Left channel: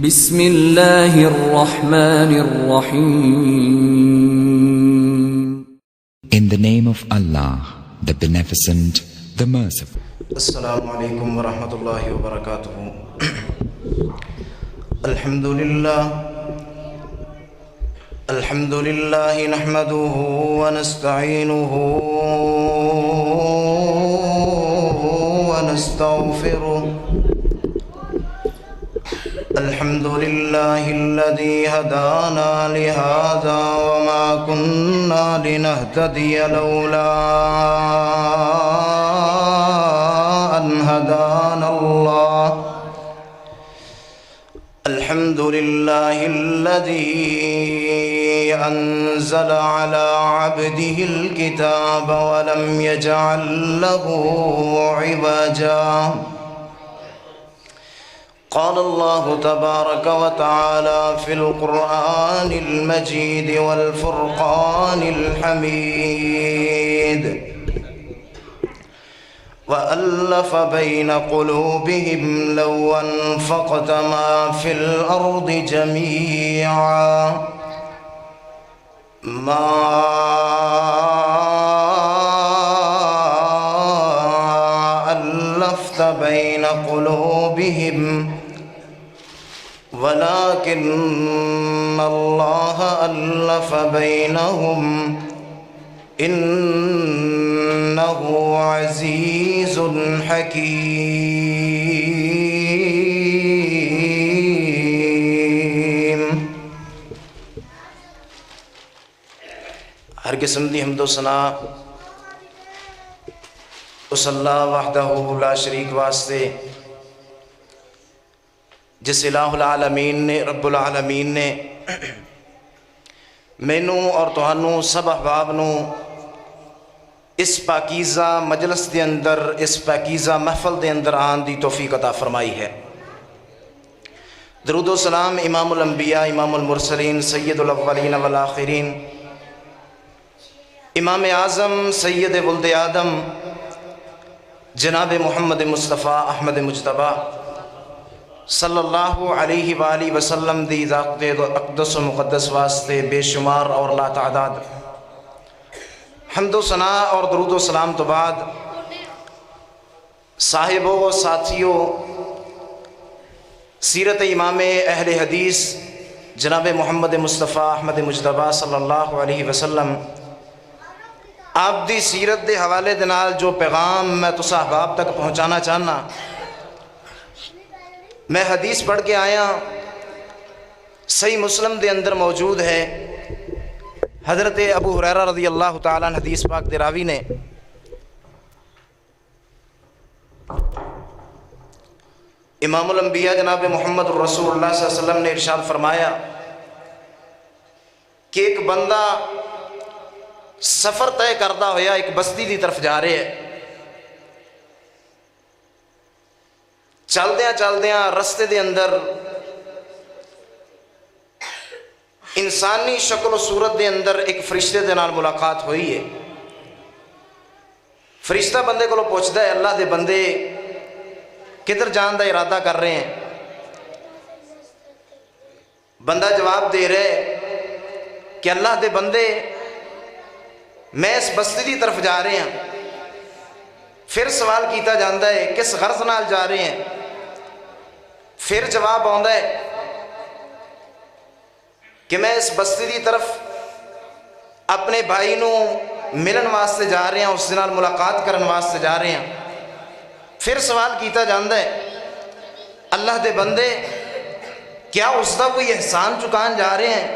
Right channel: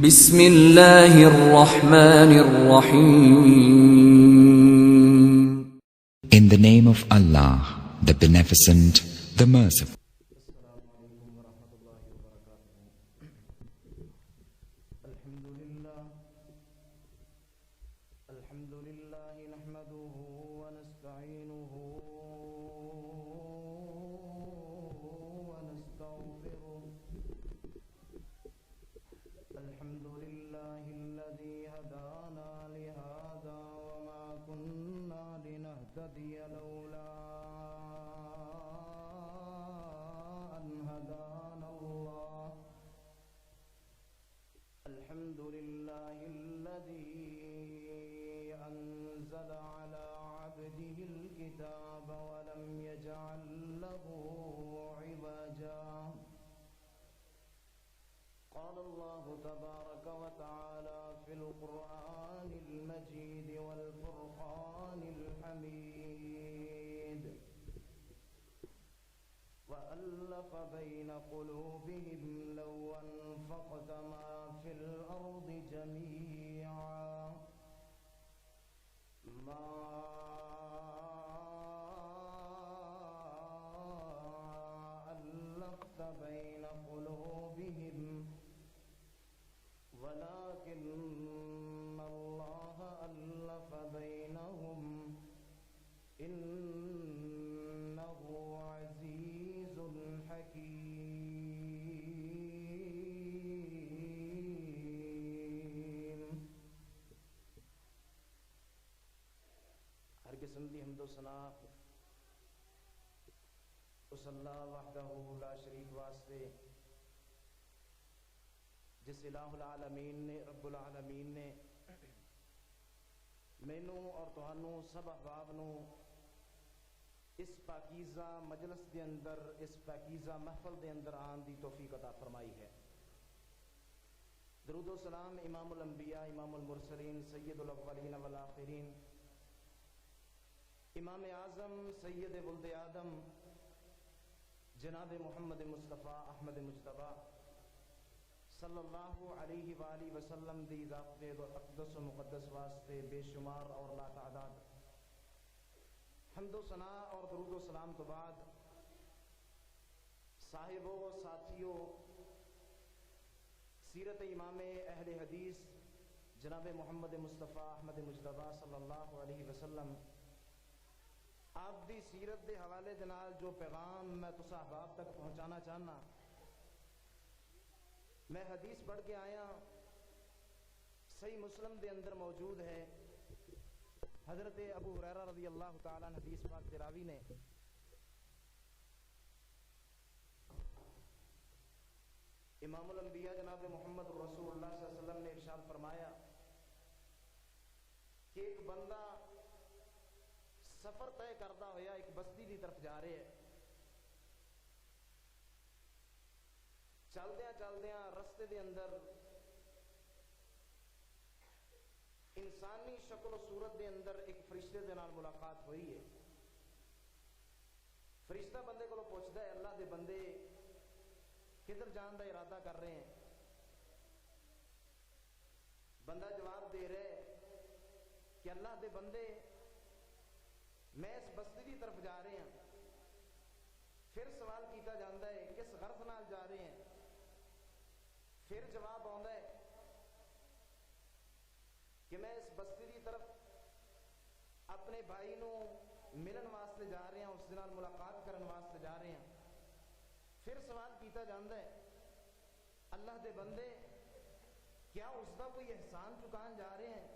بسم اللہ الرحمن الرحیم. In the name of Allah, the Beneficent, the Merciful. السلام علیکم ورحمۃ اللہ وبرکاتہ. الحمد للہ نحمده ونستعینه ونستغفره. الحمد لله الذي هدانا لهذا وما كنا لنهتدي لولا أن هدانا الله. الحمد لله الذي أنزل على عبده الكتاب ولم يجعل له عوجا. قال الله تبارك وتعالى في القرآن المجيد والفرقان الحميد: وألف بين قلوبهم لو أنفقت ما في الأرض جميعا ما ألفت بين قلوبهم ولكن الله ألف بينهم إنه عزيز حكيم. ہر قسم دی حمد و ثنا اس اللہ وحدہ لا شریک واسطے جس الہ العالمین نے رب العالمین نے مینوں اور تہانوں سب احباب نو اس پاکیزہ مجلس دے اندر، اس پاکیزہ محفل دے اندر آن دی توفیق عطا فرمائی ہے. درود و سلام امام الانبیاء، امام المرسلین، سید الاولین والآخرین، امام اعظم سید ولد آدم جناب محمد مصطفیٰ احمد مجتبیٰ صلی اللہ علیہ وآلہ وسلم دی ذات اقدس و مقدس واسطے بے شمار اور لا تعداد حمد و ثنا اور درود و سلام تو بعد صاحبوں و ساتھیوں، سیرت امام اہل حدیث جناب محمد مصطفیٰ احمد مجتبیٰ صلی اللہ علیہ وسلم آپ دی سیرت دے حوالے دے نال جو پیغام میں تسا احباب تک پہنچانا چاہنا، میں حدیث پڑھ کے آیا، صحیح مسلم دے اندر موجود ہے. حضرت ابو ہریرہ رضی اللہ تعالیٰ عنہ حدیث پاک دے راوی نے امام الانبیاء جناب محمد رسول اللہ صلی اللہ علیہ وسلم نے ارشاد فرمایا کہ ایک بندہ سفر طے کردہ ہویا ایک بستی دی طرف جا رہے ہے. چلدیاں رستے دے اندر انسانی شکل و صورت دے اندر ایک فرشتے دے نال ملاقات ہوئی ہے. فرشتہ بندے کو پوچھتا ہے اللہ دے بندے کدھر جان دا ارادہ کر رہے ہیں؟ بندہ جواب دے رہے کہ اللہ دے بندے میں اس بستی دی طرف جا رہے ہیں. پھر سوال کیتا جاندہ ہے کس غرض نال جا رہے ہیں؟ پھر جواب آندا ہے کہ میں اس بستی دی طرف اپنے بھائی نو ملن واسطے جا رہے ہیں، اس نال ملاقات کرن واسطے جا رہے ہیں. پھر سوال کیتا جاندہ ہے اللہ دے بندے کیا اس دا کوئی احسان چکان جا رہے ہیں،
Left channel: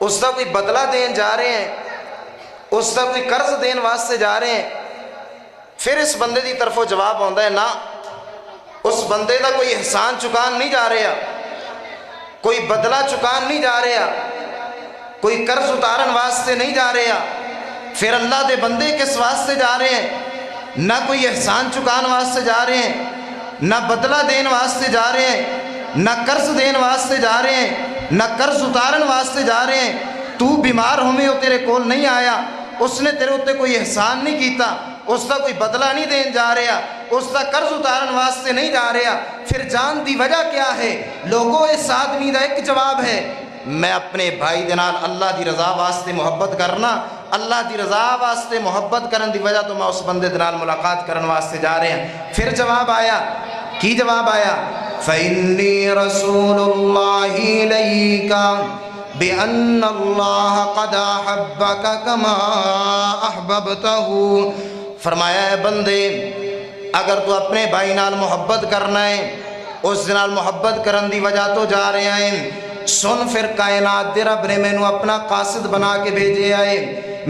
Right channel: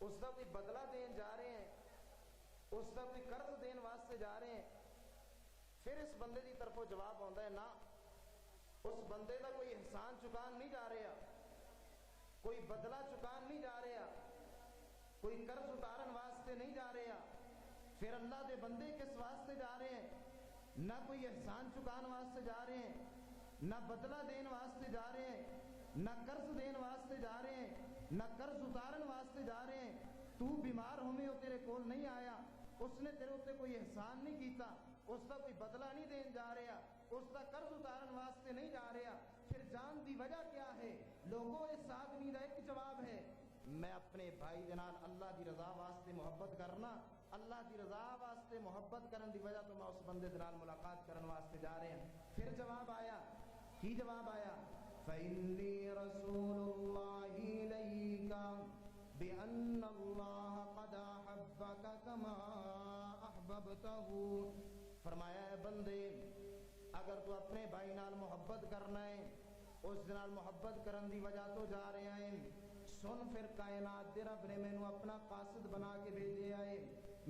اس دا کوئی بدلہ دین جا رہے ہیں، اس دا کوئی قرض دین واسطے جا رہے ہیں؟ پھر اس بندے دی طرفوں جواب آندا ہے نا، اس بندے دا کوئی احسان چکان نہیں جا رہا، کوئی بدلہ چکان نہیں جا رہا، کوئی قرض اتارن واسطے نہیں جا رہا. پھر اللہ دے بندے کس واسطے جا رہے ہیں؟ نہ کوئی احسان چکان واسطے جا رہے ہیں، نہ بدلہ دین واسطے جا رہے ہیں، نہ قرض دین واسطے جا رہے ہیں، نہ قرض اتارن واسطے جا رہے ہیں. تو بیمار ہوئے ہو تیرے کول نہیں آیا، اس نے تیرے اتنے کوئی احسان نہیں کیتا، اس کا کوئی بدلہ نہیں دین جا رہا، اس کا قرض اتارن واسطے نہیں جا رہا، پھر جان دی وجہ کیا ہے؟ لوگوں اس آدمی دا ایک جواب ہے، میں اپنے بھائی دے نال اللہ دی رضا واسطے محبت کرنا، اللہ دی رضا واسطے محبت کرن دی وجہ تو میں اس بندے دے نال ملاقات کرن واسطے جا رہے ہیں۔ پھر جواب آیا، کی جواب آیا؟ فَإِنِّي رَسُولُ اللَّهِ إِلَيْكَ بِأَنَّ اللَّهَ قَدْ أَحَبَّكَ كَمَا أَحْبَبْتَهُ۔ فرمایا اے بندے اگر تو اپنے بھائی نال محبت کرنا ہے، اس نال محبت کرن دی وجہ تو جا رہے ہیں، سن پھر کائنات دے رب نے مینوں اپنا قاصد بنا کے بھیجے آئے،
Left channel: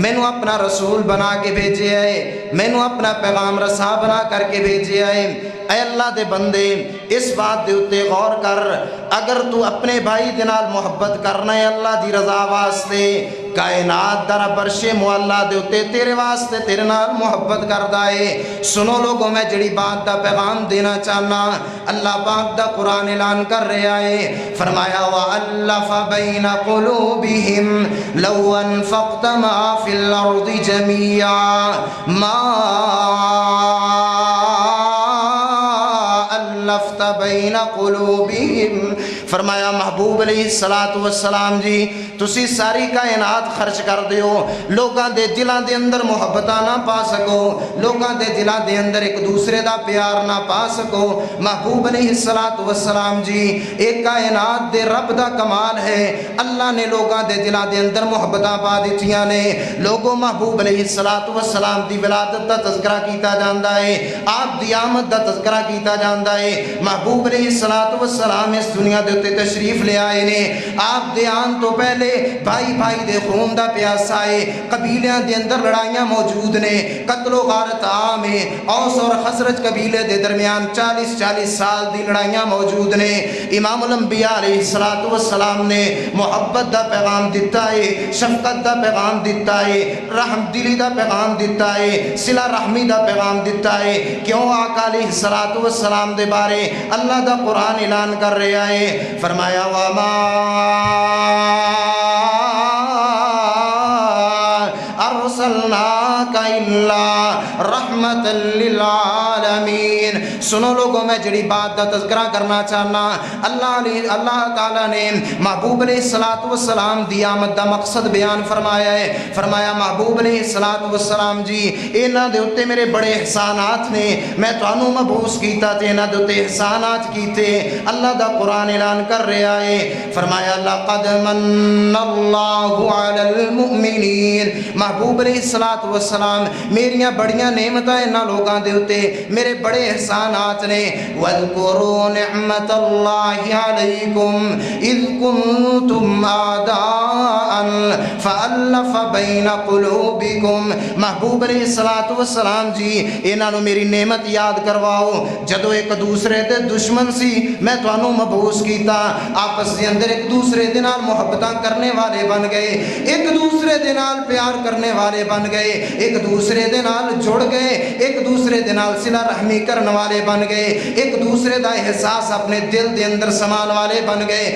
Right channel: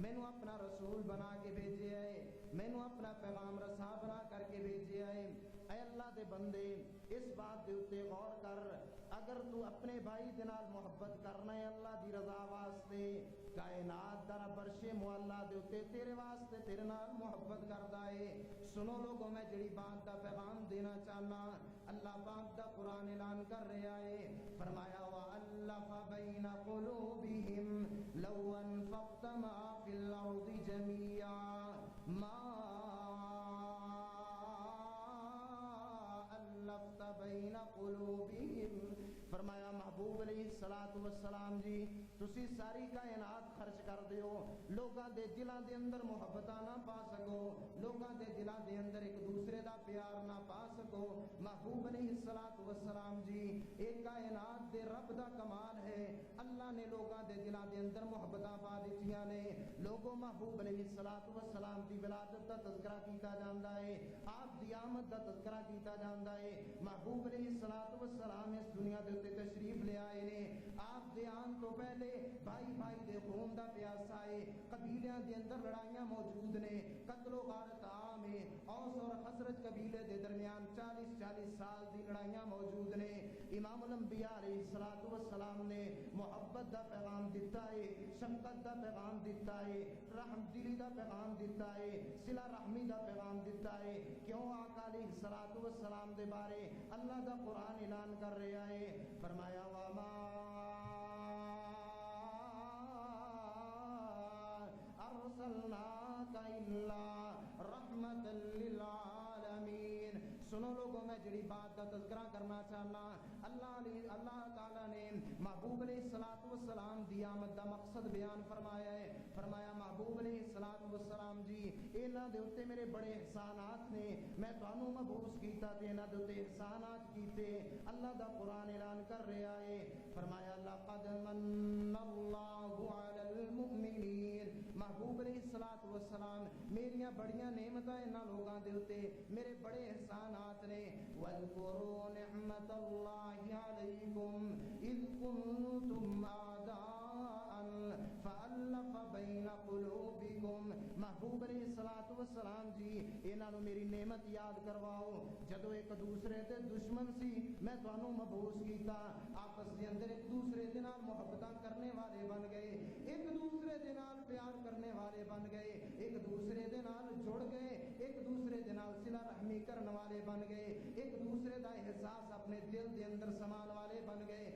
مینوں اپنا رسول بنا کے بھیجے آئے، مینوں اپنا پیغام رساں بنا کر کے بھیجے آئے۔ اے اللہ دے بندے اس بات دے اتے غور کر، اگر تو اپنے بھائی دے نال محبت کرنا ہے اللہ دی رضا واسطے، کائنات در برش معلا دے اتے تیرے واسطے تیرے نال محبت کردا ہے۔ سنو لوگوں میں جڑی بات دا پیغام دینا چاہنا، اللہ پاک دا قرآن اعلان کر رہا ہے، فرمایا وَأَلَّفَ بَيْنَ قُلُوبِهِمْ لَوْ أَنفَقْتَ مَا فِي الْأَرْضِ جَمِيعًا مَا أَلَّفْتَ بَيْنَ قُلُوبِهِمْ۔ فرمایا محبوب علیہ السلام جی تسی ساری کائنات خرچ کر دیو، لوگاں دے دلاں دے اندر محبتاں نہ پا سکو، لوگاں دے دلاں دے اندر ایک دوسرے دا پیار نہ پا سکو۔ محبوب علیہ السلام جی ایک کائنات دے رب دا کمال ہے، اللہ نے لوگاں دے دلاں دے اندر محبتاں پا دیتیاں نے۔ لوگوں محبوب علیہ السلام دی ولادت دا تذکرہ کیتا جاندا ہے، آپ دی آمد دا تذکرہ کیتا جاندا ہے۔ محبوب علیہ السلام اس دنیا دے تشریف لے آئے نے، آپ دے آن تو پہلے بھائی بھائی دے خون دا پیاسا ہے، قبیلیاں دے اندر لڑائیاں موجود نے، قتل و غارت عام ہے، اوس اور خزرج قبیلے دے درمیان 40 سال دی لڑائیاں موجود نے۔ امام الانبیاء علیہ السلام نے محبت دا پیغام دیتا ہے، شفقت دا پیغام دیتا ہے، رحم دلی دا پیغام دیتا ہے، صلہ رحمی دا پیغام دیتا ہے۔ کیوں آقا علیہ السلام دے بارے اللہ دا قرآن اعلان کر رہا ہے، فرمایا وَمَا أَرْسَلْنَاكَ إِلَّا رَحْمَةً لِلْعَالَمِينَ۔ سنو لوگوں میں جڑی بات دا تذکرہ کرنا چاہنا، اللہ تعالیٰ نے محبوب علیہ السلام دی آمد دا مقصد بیان فرمایا ہے، فرمایا محبوب علیہ السلام جی اینا دے اتے میرے بڑے احسانات نے، میں تو انو مبعوث کیتا تے اینا دے اتے احسانات کیتے۔ اللہ دا قرآن اعلان کر رہا ہے، فرمایا لَقَدْ مَنَّ اللَّهُ عَلَى الْمُؤْمِنِينَ۔ محبوب علیہ السلام میریاں بڑیاں نعمتاں انہاں لوگاں دے اتے میرے بڑے احسانات نے۔ وَاذْكُرُوا نِعْمَةَ اللَّهِ عَلَيْكُمْ إِذْ كُنْتُمْ أَعْدَاءً فَأَلَّفَ بَيْنَ قُلُوبِكُمْ۔ محبوب علیہ السلام جی انہاں نو میری نعمت یاد کرواؤ، جدو ایک دوسرے دے دشمن سی میں تانوں مبعوث کیتا، آپس دے اندر ایک دوسرے دے نال محبتاں کرنے والے بن گئے، ایک دوسرے دے نال پیار کرنے والے بن گئے، ایک دوسرے دے نال جڑ گئے، ایک دوسرے دے نال صلہ رحمی کرنے والے بن گئے، ایک دوسرے دا احساس اپنے دل دے اندر سمان والے بن گئے۔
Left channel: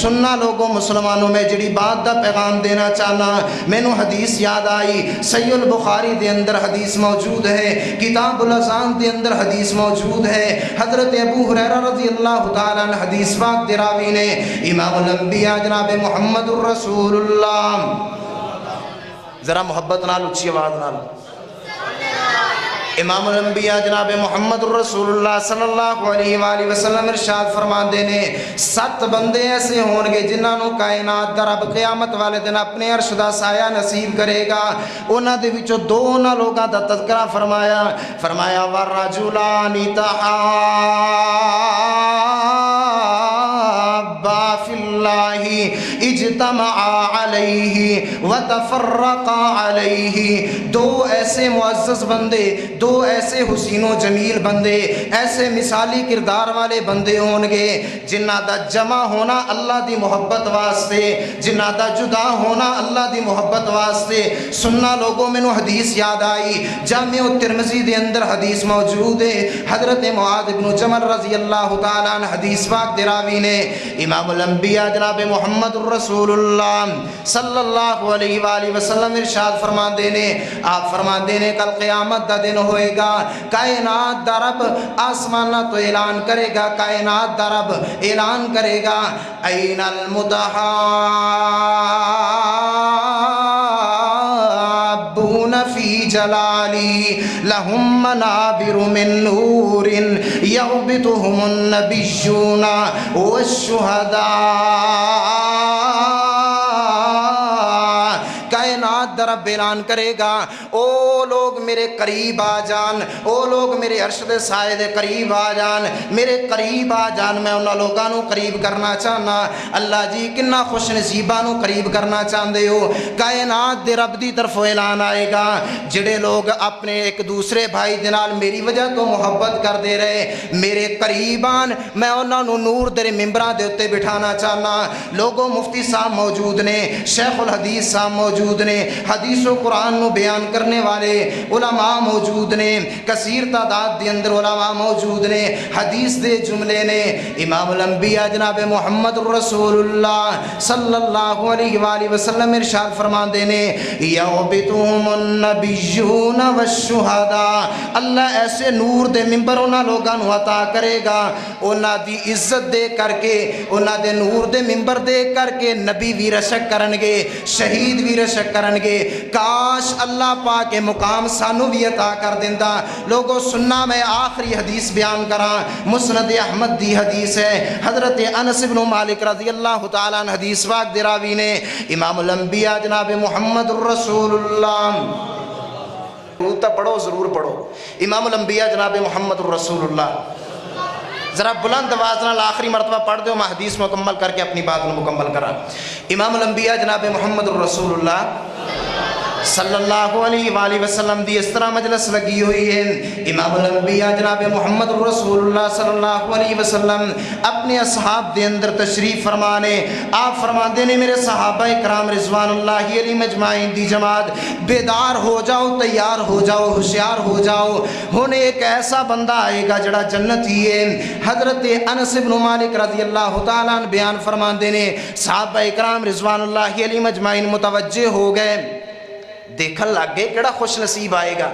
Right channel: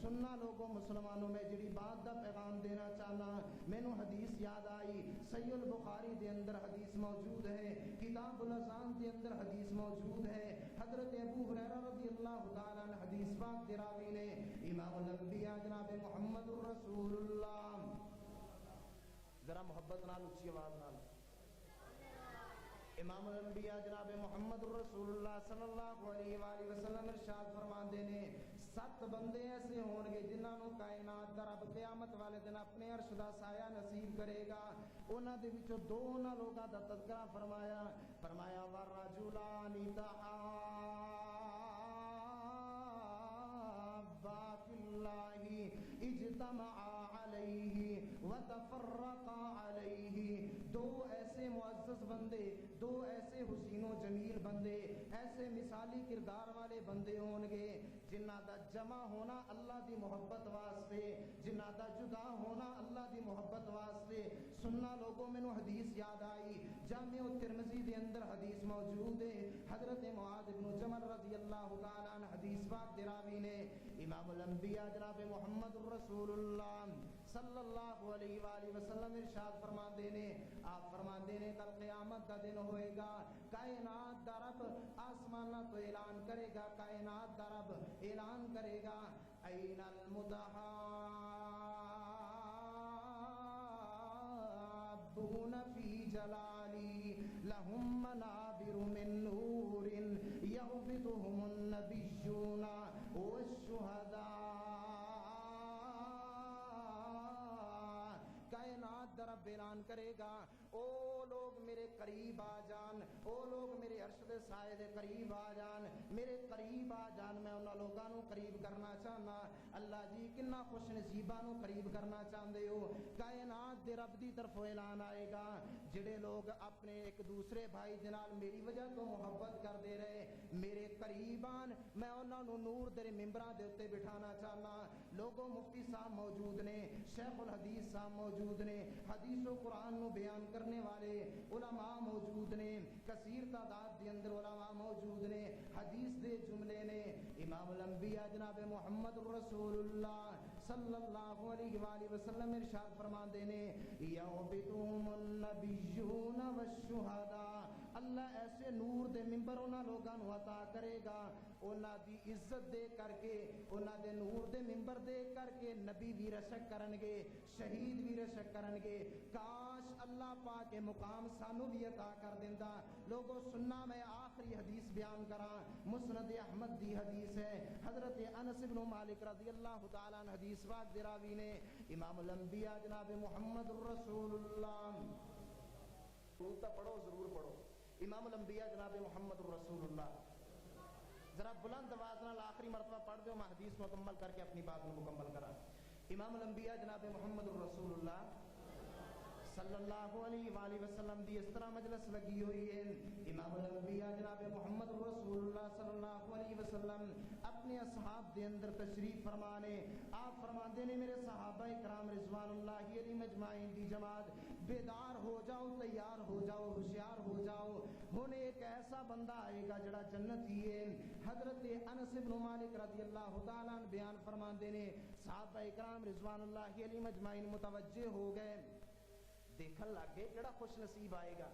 سننا لوگوں مسلمانوں میں جڑی بات دا پیغام دینا چاہنا، میں نو حدیث یاد آئی، صحیح البخاری دے اندر حدیث موجود ہے، کتاب الاذان دے اندر حدیث موجود ہے۔ حضرت ابو ہریرہ رضی اللہ تعالیٰ عنہ حدیث پاک دے راوی نے امام الانبیاء جناب محمد الرسول اللہ، ذرا محبت نال اچھی آواز نال، امام الانبیاء جناب محمد الرسول اللہ صلی اللہ علیہ وآلہ وسلم ارشاد فرماندے نے 7 بندے ایسے ہون گے جنہاں نو کائنات دا رب قیامت والے دن اپنے عرش دا سایہ نصیب کرے گا۔ انہاں دے وچوں 2 لوگاں دا تذکرہ فرمایا وَالرَّجُلَانِ تَحَابَّا فِي اللَّهِ اجتمعا علیہ وتفرقا علیہ۔ 2 ایسے معزز بندے، 2 ایسے حسین و جمیل بندے، ایسے مثالی کردار والے بندے ہون گے جنہ دا جمع ہونا اللہ دی محبت واسطے، جنہ دا جدا ہونا اللہ دی محبت واسطے۔ سننا لوگوں میں نو حدیث یاد آئی، جامع ترمذی دے اندر حدیث موجود ہے، حضرت معاذ بن جبل رضی اللہ تعالیٰ عنہ حدیث پاک دے راوی نے امام الانبیاء جناب محمد الرسول اللہ صلی اللہ علیہ وآلہ وسلم ارشاد فرماندے نے، آپ فرماندے فرماندے نے کل قیامت دا دن ہوئے گا، کائنات دا رب آسمانہ تو اعلان کرے گا، کائنات دا رب اعلان کرے گا این المتحابون فی جلالی لہم منابر من نور یغبطہم النبیون والشہداء۔ کائنات رب اعلان کرے گا او لوگ میرے قریب آ جان، او لوگ میرے عرش دے سائے دے قریب آ جان، میرے قریب آ جان، میں انہاں لوگاں نو قریب کرنا چاہنا۔ اللہ جی کنا خوش نصیباں نو قریب کرنا چاہندے ہو۔ کائنات دے رب دی طرف اعلان آئے گا جڑے لوگ اپنے ایک دوسرے بھائی دے نال میری وجہ تو محبت کر دے رہے میرے قریب آن، میں انہاں نو نور دے ممبراں دے اوتے بٹھانا چاہنا۔ لوگوں مفتی صاحب موجود نے، شیخ الحدیث صاحب موجود نے، حدیث و قرآن نو بیان کرنے والے علماء موجود نے، کثیر تعداد دے اندر علماء موجود نے، حدیث دے جملے نے۔ امام الانبیاء جناب محمد رسول اللہ صلی اللہ علیہ وآلہ وسلم ارشاد فرماندے نے یغبطہم النبیون والشہداء، اللہ ایسے نور دے ممبر انہاں لوگاں نو عطا کرے گا انہاں دی عزت دے کر کے، انہاں دے نور دے ممبر دے کر کے نبی بھی رشک کرنگے، شہید بھی رشک کرنگے۔ کاش اللہ پاک کے مقام سانو بھی عطا کر دیندہ۔ لوگوں سننا میں آخری حدیث بیان کراں، مسند احمد دی حدیث ہے، حضرت انس بن مالک رضی اللہ تعالیٰ عنہ حدیث واق دراوی نے امام الانبیاء جناب محمد رسول اللہ روتا پڑھو ضرور پڑھو، امام الانبیاء جناب محمد رسول اللہ ذرا بلند آواز نال آخری مرتبہ پڑھ دو، میں حدیث مکمل کر کے اپنی بات مکمل کرا۔ امام الانبیاء جناب محمد رسول اللہ صلی اللہ علیہ وآلہ وسلم دی اس طرح مجلس لگی ہوئی ہے۔ امام الانبیاء جناب محمد رسول اللہ صلی اللہ علیہ وسلم اپنے اصحاب دے اندر تشریف فرمانے، آپ فرماندے نے میرے صحابہ اکرام رضوان اللہ علیہ مجمعین دی جماعت بیدار ہو جاؤ، تیار ہو جاؤ، ہوشیار ہو جاؤ، ہن ایک ایسا بندہ آئے گا جڑا جنتی ہے۔ حضرت انس بن مالک رضی اللہ تعالیٰ عنہ بیان فرماندے نے صحابہ اکرام رضوان اللہ علیہ مجمعین متوجہ ہو گئے، دیکھن لگ گئے کیڑا خوش نصیب آئے گا،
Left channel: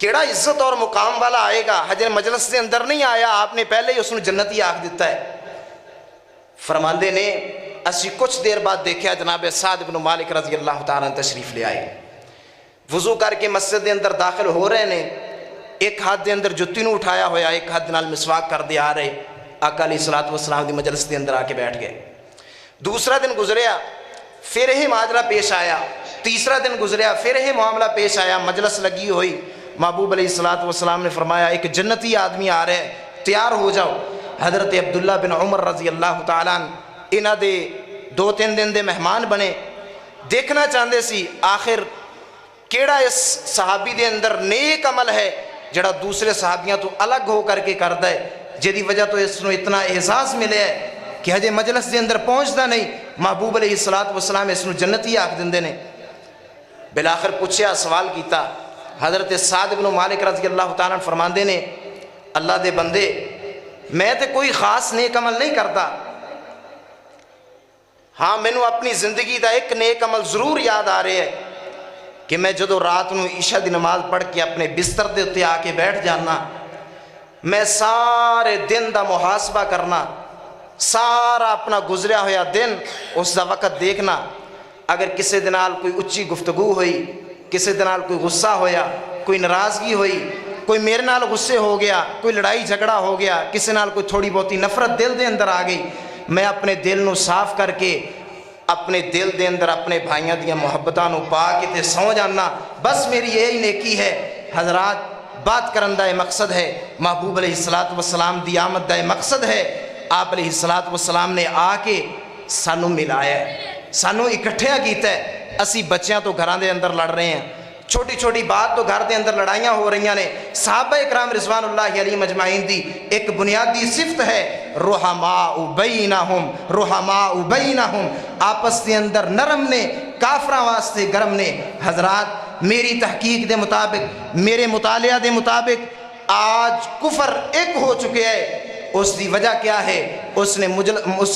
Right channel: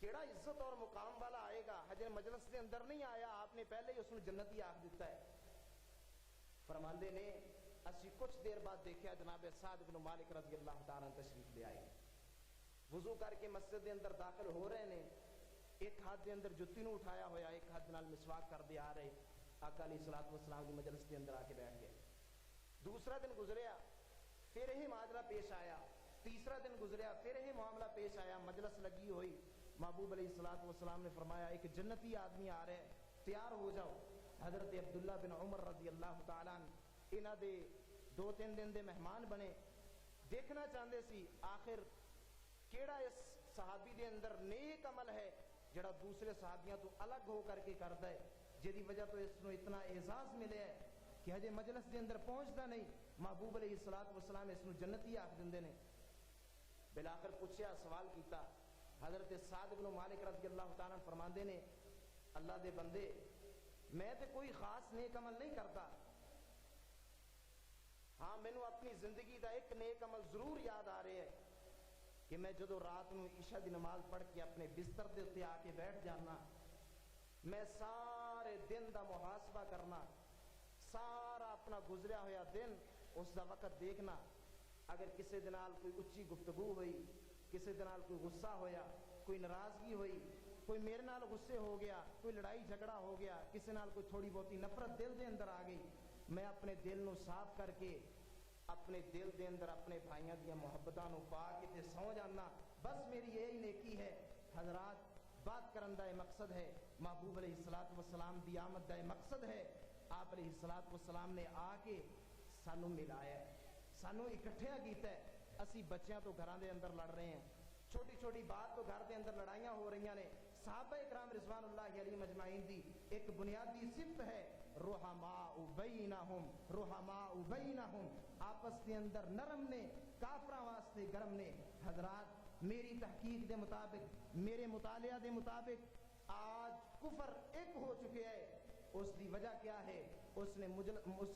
کیڑا عزت اور مقام والا آئے گا۔ حجر مجلس سے اندر نہیں آیا، آپ نے پہلے ہی اس نے جنتی آکھ دیتا ہے۔ فرماندے نے اسی کچھ دیر بعد دیکھا جناب سعد بن مالک رضی اللہ تعالیٰ تشریف لے آئے، وضو کر کے مسجد دے اندر داخل ہو رہے نے، ایک ہاتھ دے اندر جتی نو اٹھایا ہویا، ایک ہاتھ نال مسواک کر دے آ رہے، آقا علیہ الصلوۃ والسلام دی مجلس دے اندر آ کے بیٹھ گئے۔ دوسرا دن گزریا، پھر ہی معاملہ پیش آیا، تیسرا دن گزریا، پھر ہی معاملہ پیش آیا، مجلس لگی ہوئی، محبوب علیہ الصلوۃ والسلام نے فرمایا ایک جنتی آدمی آ رہا ہے، تیار ہو جاؤ۔ حضرت عبداللہ بن عمر رضی اللہ تعالیٰ عنہ انہاں دے 2-3 دن دے مہمان بنے، دیکھنا چاہندے سی آخر کیڑا اس صحابی دے اندر نیک عمل ہے جڑا دوسرے صحابیاں تو الگ ہو کر کے کردا ہے، جدی وجہ تو اس نو اتنا احساس ملے ہے کہ ہجے مجلس دے اندر پہنچدا نہیں، محبوب علیہ الصلوۃ والسلام اس نو جنتی آکھ دیندے نے۔ بلاخر پوچھیا، سوال کیتا، حضرت سعد بن مالک رضی اللہ تعالیٰ عنہ فرماندے نے اللہ دے بندے میں تے کوئی خاص نیک عمل نہیں کرتا، ہاں مینوں اپنی زندگی دا ایک نیک عمل ضرور یاد آ رہے ہے کہ میں جدو رات نو عشاء دی نماز پڑھ کے اپنے بستر دے اتے آ کے بیٹھ جانا، میں سارے دن دا محاسبہ کرنا، سارا اپنا گزریا ہویا دن اس دا وقت دیکھنا، اگر کسی دنال کوئی اچھی گفتگو ہوئی، کسی دنال کوئی غصہ ہویا، کوئی ناراضگی ہوئی، کوئی میرے نال غصے ہو گیا، کوئی لڑائی جھگڑا ہو گیا، کسی نال کوئی تھوڑی بہتی نفرت دل دے اندر آ گئی، میں اپنے دل نو صاف کر کے اپنے دل دے اندر اپنے بھائیاں دیا محبتاں نو پا کے تے سو جانا، بس میری یہی نیکی ہے۔ حضرات بات کرن دا مقصد ہے، محبوب علیہ الصلوۃ والسلام دی آمد دا مقصد ہے، آپ علیہ الصلوۃ والسلام نے آ کے سانو ملایا ہے، سانو اکٹھیا کیتا ہے۔ اسی بچیاں تو گھراں دے اندر لڑ رہے ہیں، چھوٹی چھوٹی بات تو گھر دے اندر لڑائیاں ہو رہی ہیں۔ صحابہ اکرام رضوان اللہ علیہ مجمعین دی ایک بنیادی صفت ہے رحماء بینہم، رحماء بینہم، آپس دے اندر نرم نے، کافراں واسطے گرم نے۔ حضرات میری تحقیق دے مطابق، میرے مطالعہ دے مطابق آج کفر ایک ہو چکے ہے، اس دی وجہ کیا ہے؟ اس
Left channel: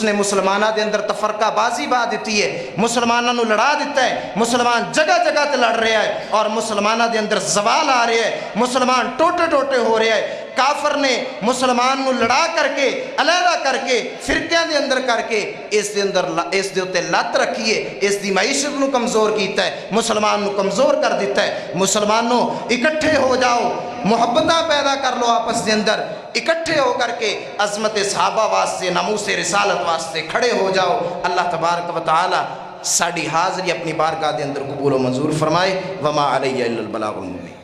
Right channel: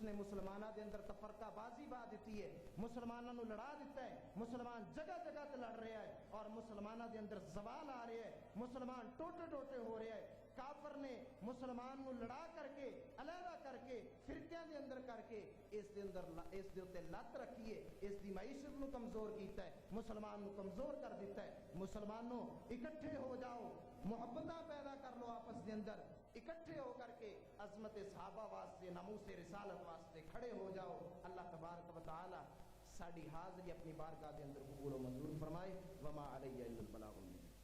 نے مسلمانہ دے اندر تفرقہ بازی با دیتی ہے، مسلمانہ نو لڑا دیتا ہے، مسلمان جگہ جگہ تے لڑ رہا ہے اور مسلمانہ دے اندر زوال آ رہا ہے، مسلمان ٹوٹے ٹوٹے ہو رہا ہے۔ کافر نے مسلمان نو لڑا کر کے علیحدہ کر کے فرقیاں دے اندر کر کے اس دے اتے لت رکھیے، اس دی معیشت نو کمزور کیتا ہے، مسلمان نو کمزور کر دیتا ہے۔ مسلمانوں اکٹھے ہو جاؤ، محبتہ پیدا کر لو آپس دے اندر، اکٹھے ہو کر کے عظمت صحابہ واسطے، ناموس رسالت واسطے کھڑے ہو جاؤ۔ اللہ تبارک و تعالی ساڑی حاضری اپنی بارگاہ دے اندر قبول و منظور فرمائے۔ وما علیہ الا البلاغ المبین۔